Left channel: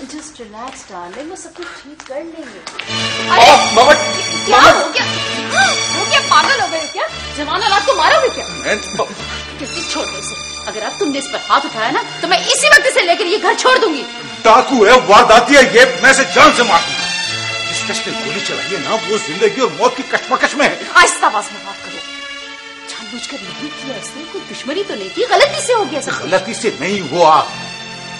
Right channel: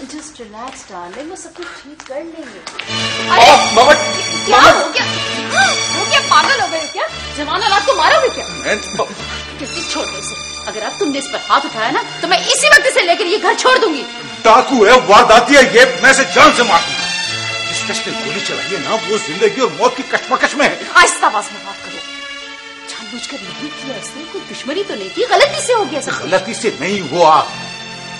Just relax darling, वो सब कुछ ठीक कर लेंगे। क्या हो गया? हो क्या, पागल हो गए क्या? जवान औलाद को मारोगे क्या? किसी छोड़ दो इसे। अगर अब तुमने इस पर हाथ उठाया ना तो मैं इसी वक्त इसे लेकर ये घर छोड़ दूंगी। डाकू है, वारदाती है ये, मैं इसे जान से मार दूंगा। जिस कश ने गोली चलाई है ना, वो जिंदगी और मौत की कशमकश में है। आहिस्ता आवाज में बात करो। जानबूझकर नहीं किया इसने, कोई दुश्मनी तो नहीं की, गलती से हो गया सब। गलती से नहीं हुआ,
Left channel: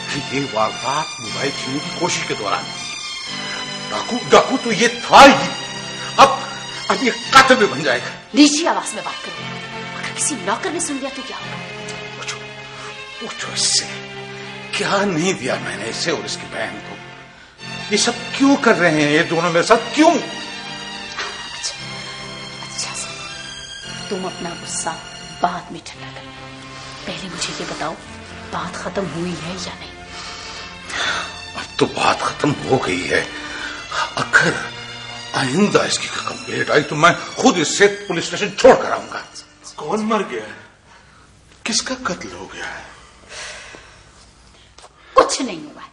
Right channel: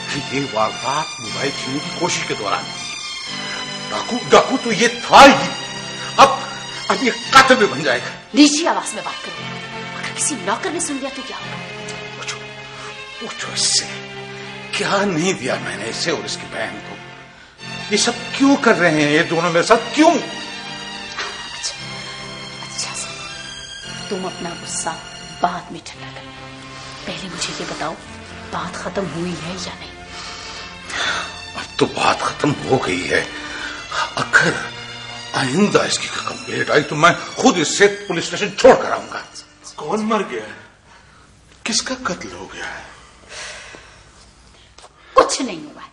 ये वारदात मोबाइल छीनने की कोशिश के दौरान। डाकू तो ये था ही, अब ये कातिल भी बन जाएगा। नीची आवाज में बात करो, अगर किसी नौकर ने सुन लिया तो क्या होगा? पूछो इससे, क्या नहीं दिया मैंने इसे और इसकी बहन को। ये सब क्यों कर रहे हैं ये दोनों मेरे साथ, क्यों? अच्छा से तुम अपना गुस्सा बाद में ठंडा कर, पहले मुझे ये बताओ बात खत्म हुई है या नहीं? अब तो बात खत्म हो गई है। अगर आइंदा इसकी कंप्लेंट आई तो मैं खुद इससे पुलिस स्टेशन छोड़ कर आऊंगा। कौन मर गया है? किसका कत्ल हो गया है? कुछ नहीं हुआ है,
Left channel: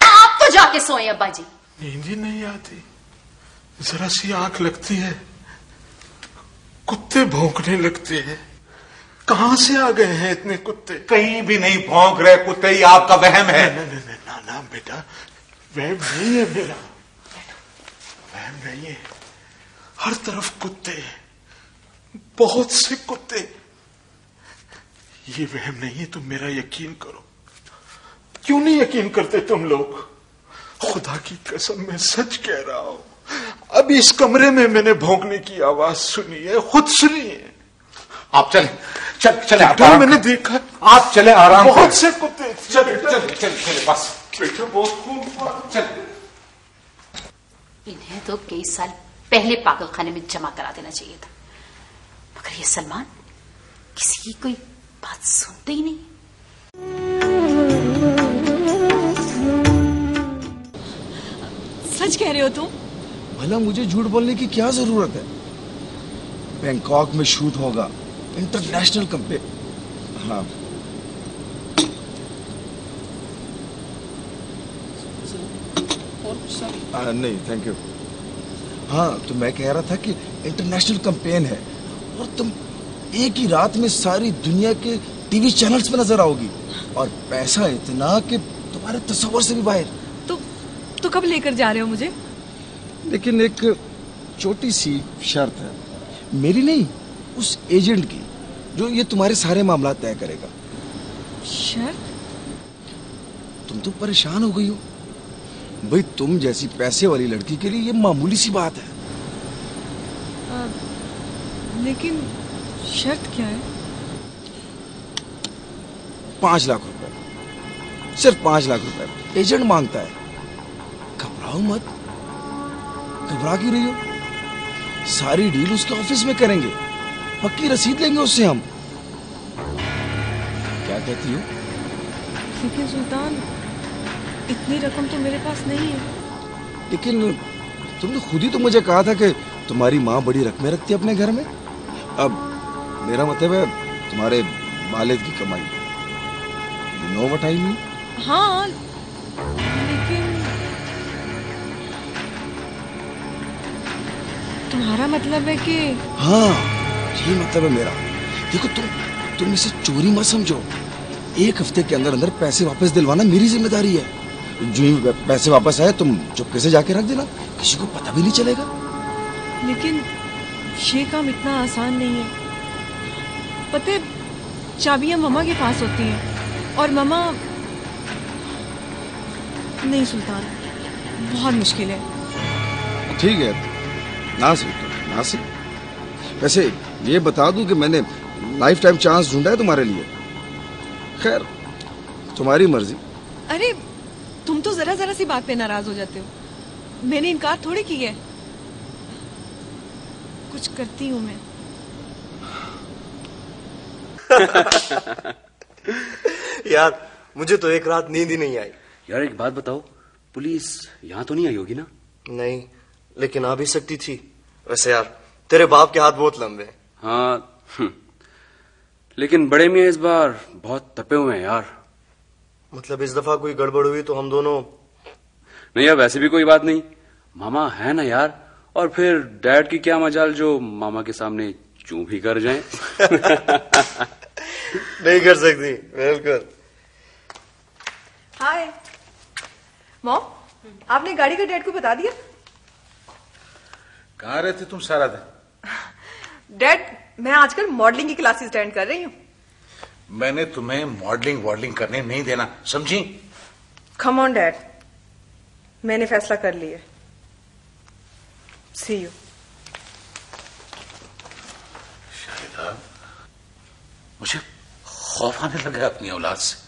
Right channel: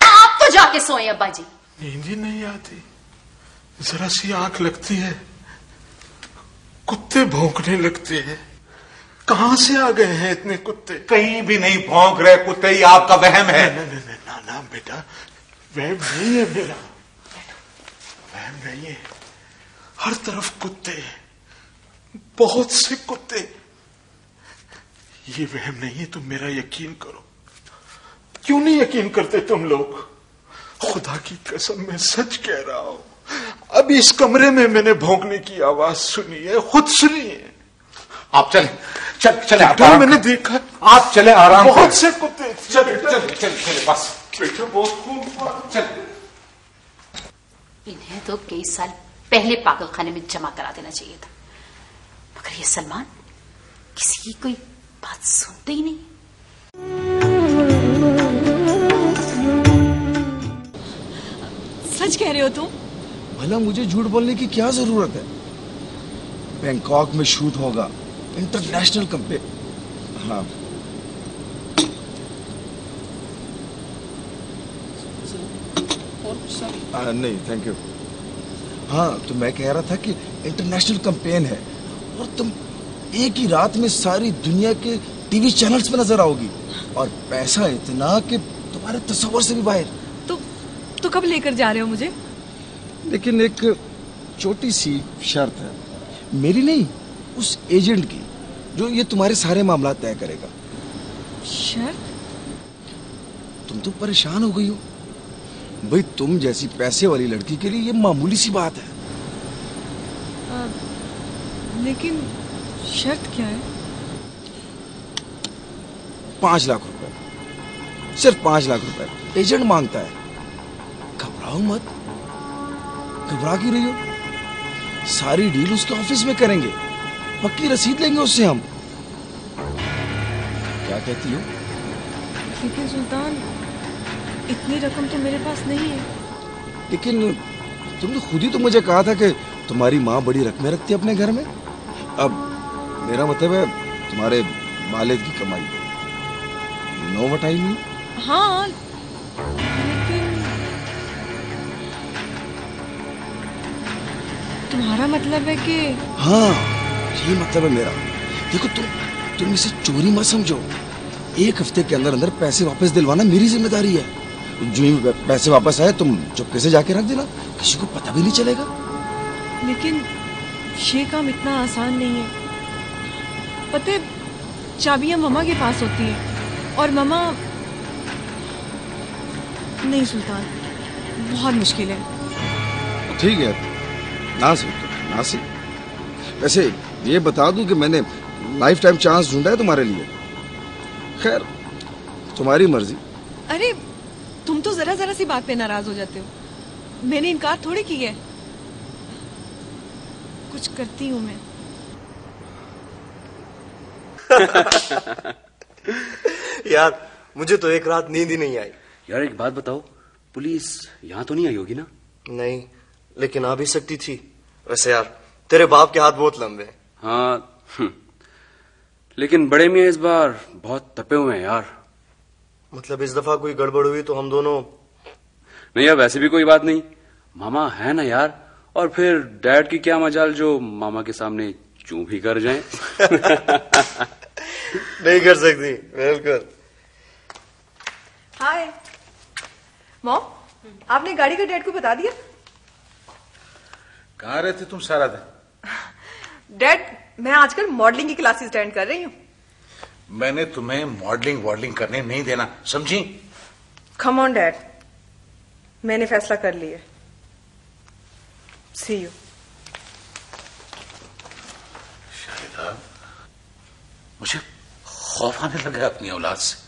आप तो जाके सोए अब्बा जी। नींद ही नहीं आती, जरा सी आंख लगती है कुत्ते भौंकने लगते हैं। कहां से आ गए हैं इतने कुत्ते? कहीं भी नहीं भौंक रहे कुत्ते, ये आपका वहम है। ना बेटा, वहम नहीं है मेरा, वहम नहीं है। हर तरफ कुत्ते, बहुत से कुत्ते। ये वहम नहीं है, तुम मेरा यकीन करो। क्यों नहीं यकीन करते तुम लोग? खुदा की कसम मैं सच कह रहा हूं, अभी इस कमरे में मैंने भौंकने की आवाज सुनी है, खुद सुनी है। आप चले मैंने देखा। आप चले आराम, बहुत से कुत्ते। चले बस बेटा, बहुत खूब। चल। इन्हें तो कई साल पहले पागल खाने में जमा करा देना चाहिए था, मगर ये सलमान किसी की कोई बात सुनते ही नहीं। सच कह रहे हो तुम? भला मुझे झूठ बोलने की क्या जरूरत है? बैंकॉक में शूट होगा, इंटरनेशनल कंपनी। हाँ, नहीं थैंक यू। हाँ, तो मैं कह रहा था कि इंटरनेशनल कैंपेन है और तुम एक ही रात में सारी दुनिया के टीवी चैनल्स में नजर आओगी, और पैसा इतना कि तुम्हारे तस्वर से भी बाहर। तो कब लेकर जा रहे हो मुझे? लेकिन एक छोटी सी शर्त है, मेरी नहीं, उस एजेंट की जो ये तुम्हारे सारे मामला तय करेगा। शर्त? तुम तो परेशान हो गई हो भाई, तुम जैसी पैसे वाली लड़की के लिए ये मामूली सी बात है। लेकिन शर्त क्या है? 5 लाख रुपए, सिर्फ 5 लाख रुपए एजेंट मांगता है। घबराओ मत। घबरा क्यों रही हो? सारी डील उसके ऑफिस में करेंगे, पक्की रसीद लेंगे उससे हम। क्या कहती हो? लेकिन सुल्तान, इतनी रकम तो मेरे पास नहीं है। लेकिन तुमने खुद ही तो मुझे कहा था कि तुम्हारी माँ बड़ी रकमें रखती है अपने घर में। अब मेरा मतलब है तुम्हारे वालिद की कमाई। You know what I mean? हाँ, लेकिन तुम्हारा मतलब है कि? हाँ, ये मतलब है मेरा। देखो, तुम इसे चोरी मत समझो। 1 हफ्ते के अंदर अंदर पैसे वापस दिलवाना मेरी जिम्मेदारी है। जो ही पैसे वापस आए तुम चुपके से जाके रख देना, किसी को पता भी नहीं चलेगा। लेकिन ये काम इतना आसान नहीं है। पता, चाबियां मम्मा के पास होती हैं और मम्मा नहीं। सुल्तान, बहुत मुश्किल है। ठीक है, नासिक। वैसे ये बता दूं कि मैंने लाइफ टाइम चांस ढूंढा है तुम्हारे लिए। खैर, तुम्हारी मर्जी। अरे, तुम तो जरा सी बात पे नाराज हो जाते हो। मैंने इनकार थोड़ी की है। कुछ करती हूँ मैं। यार, मुझे तो एक रात नींद ही नहीं आई। यार एक बात बताओ, पुलिस यहाँ तो नहीं आई होगी ना? नहीं, लेकिन आ भी सकती थी। वैसे यार, तेरे बाप के हाथ बहुत लंबे हैं। हाँ, लेकिन बड़े मियाँ इस बार बहुत तपे हुए हैं यार। मतलब इस दफा कोई गड़बड़ हुई तो हम दोनों नहीं यार, वैसे भी कोई बात नहीं, मामा है ना यार। और फिर डैड की क्या मजाल जो मामा के सामने चूं भी कर जाएं। नहीं कर सकती, बिल्कुल। हाय मॉम, आपने गाड़ी का डैड को बता दिया? कहाँ रहते तुम सारा दिन? डैड, मैं आजकल मॉडलिंग की क्लासेस अटेंड कर रही हूँ। मैंने तुम्हें मॉडलिंग करने नहीं देना, समझी? कम ऑन डैड, मैंने फैसला कर लिया। सी यू। शाहिदा, मुझे खौफ आने लगा है अपनी औलाद से।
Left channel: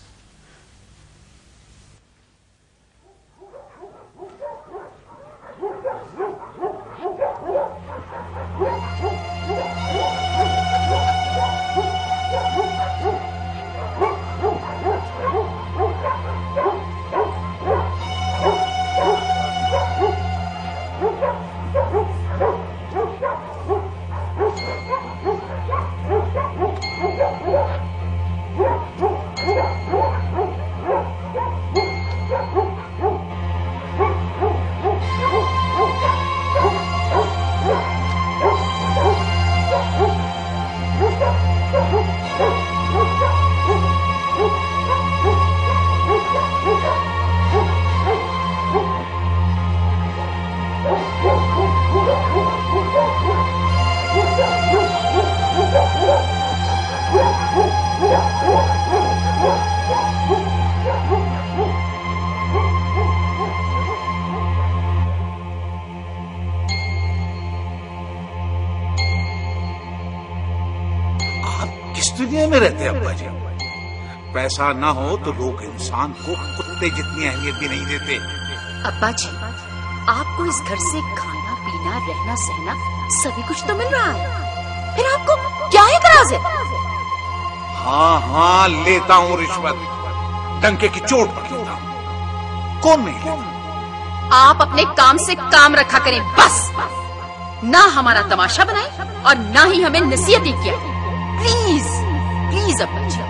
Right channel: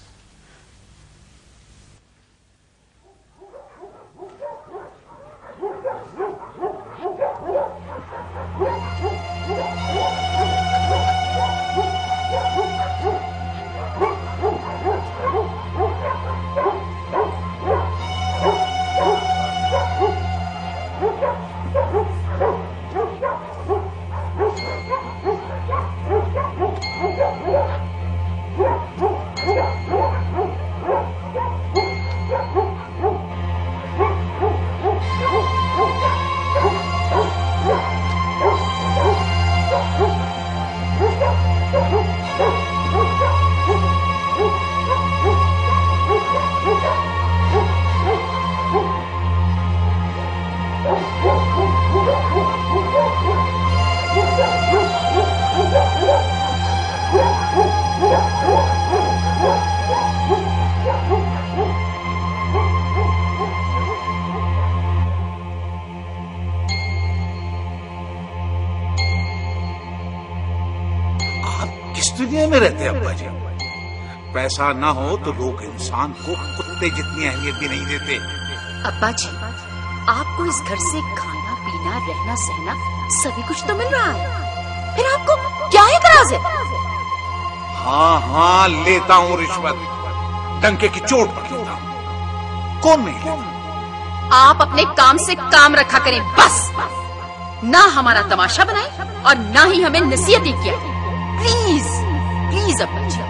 किस दुनिया में रहते हैं अब्बा जी? पैसा ना हो तो लोग इंसान को कुत्ते जितनी अहमियत भी नहीं देते। अब्बा जी, आपको इस घर से खाना पीना रहना सहना सभी कुछ तो मिल रहा है, फिर आपको क्या एतराज है? हाँ हाँ, लेता हूँ रिश्वत, डंके की चोट पर लेता हूँ। कौन नहीं लेता? आप अपने काम से काम रखा करें बस। ना हमारा तमाशा बनाए और ना ही हमें नसीहतें किया। प्लीज प्लीज अब्बा जी।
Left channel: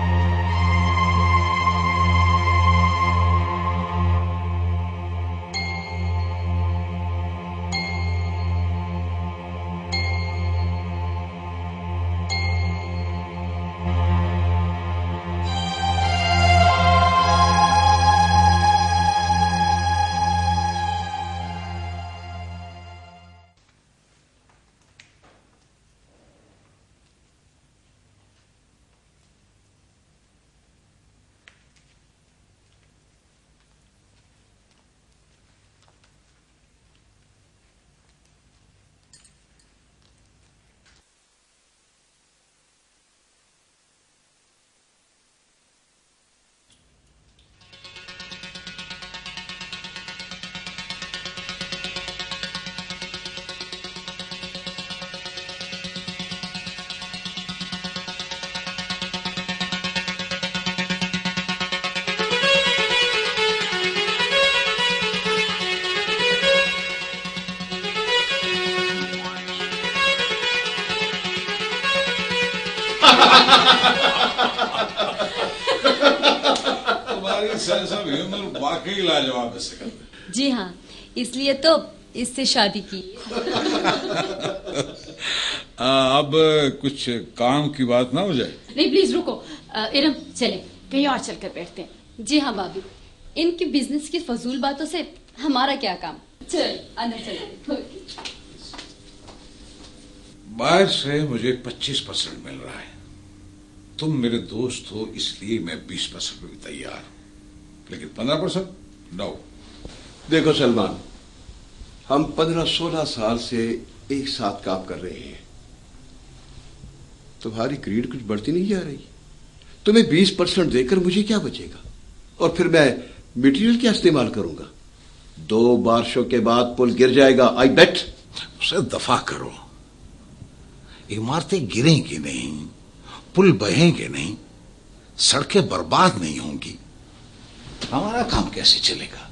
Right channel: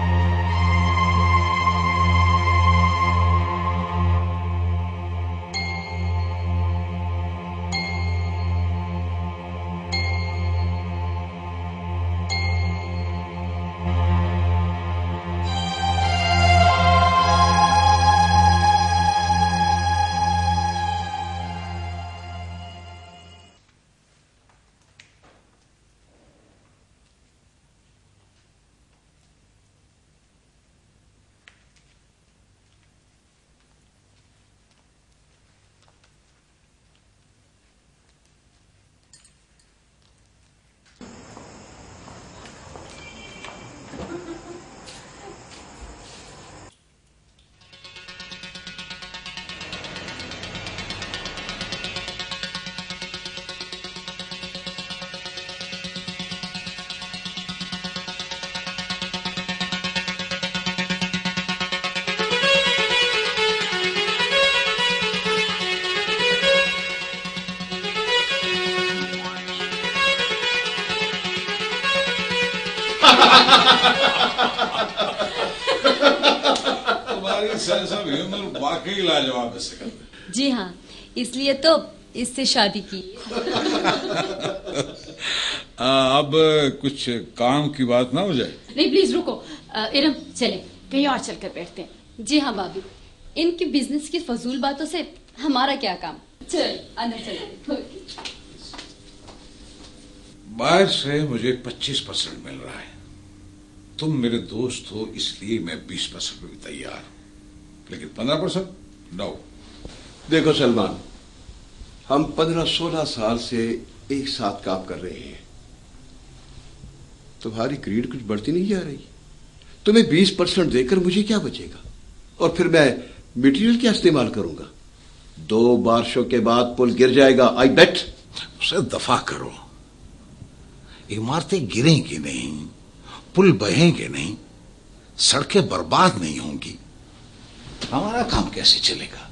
तुम्हारी सेंस ऑफ ह्यूमर वाकई लाजवाब है सिकंदर। जी हाँ, इसलिए तो इससे शादी की। अब कुछ काम की बात ना हो जाए? नहीं प्लीज रुको, इरम चले कहीं और चलकर बैठते हैं। जी हाँ भाभी, इनकी बिजनेस की फजूल बातों से हमारा क्या काम। चल अंदर चले। बाहर से मुझे 25% मिल रहा है, तुम मेरे दोस्त हो इसलिए मैं 20% में भी तैयार, लेकिन 15% नो। देखो सलमान, हम 15-16 साल से एक साथ काम कर रहे हैं, तुम्हारी ग्रीड कुछ बढ़ती नहीं जा रही। तुम्हें 20% देकर मुझे क्या बचेगा, और फिर मैं मटेरियल क्या इस्तेमाल करूंगा? 2 बारिशों के बाद पुल गिर जाएगा, आई बेट। उसे दफा करो, इमारतें गिरेंगी नहीं, पुल बहेंगे नहीं, सड़कें बर्बाद नहीं होंगी, हमारा काम कैसे चलेगा?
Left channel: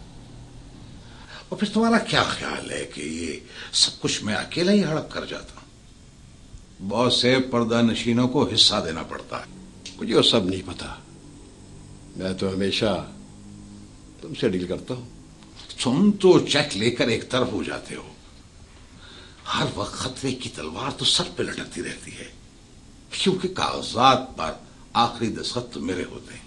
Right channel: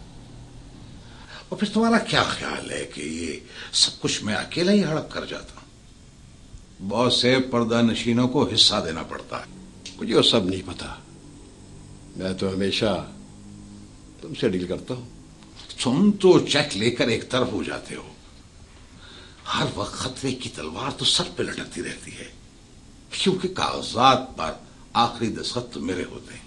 और फिर तुम्हारा क्या ख्याल है कि ये सब कुछ मैं अकेला ही हड़प कर जाता हूं? बहुत से पर्दा नशीनों को हिस्सा देना पड़ता है। मुझे वो सब नहीं पता, मैं तो हमेशा तुमसे डील करता हूं। तुम तो चेक लेकर एक तरफ हो जाते हो। हर वक्त खतरे की तलवार तो सर पे लटकती रहती है, क्योंकि कागजात पर आखिरी दस्तखत तो मेरे होते हैं।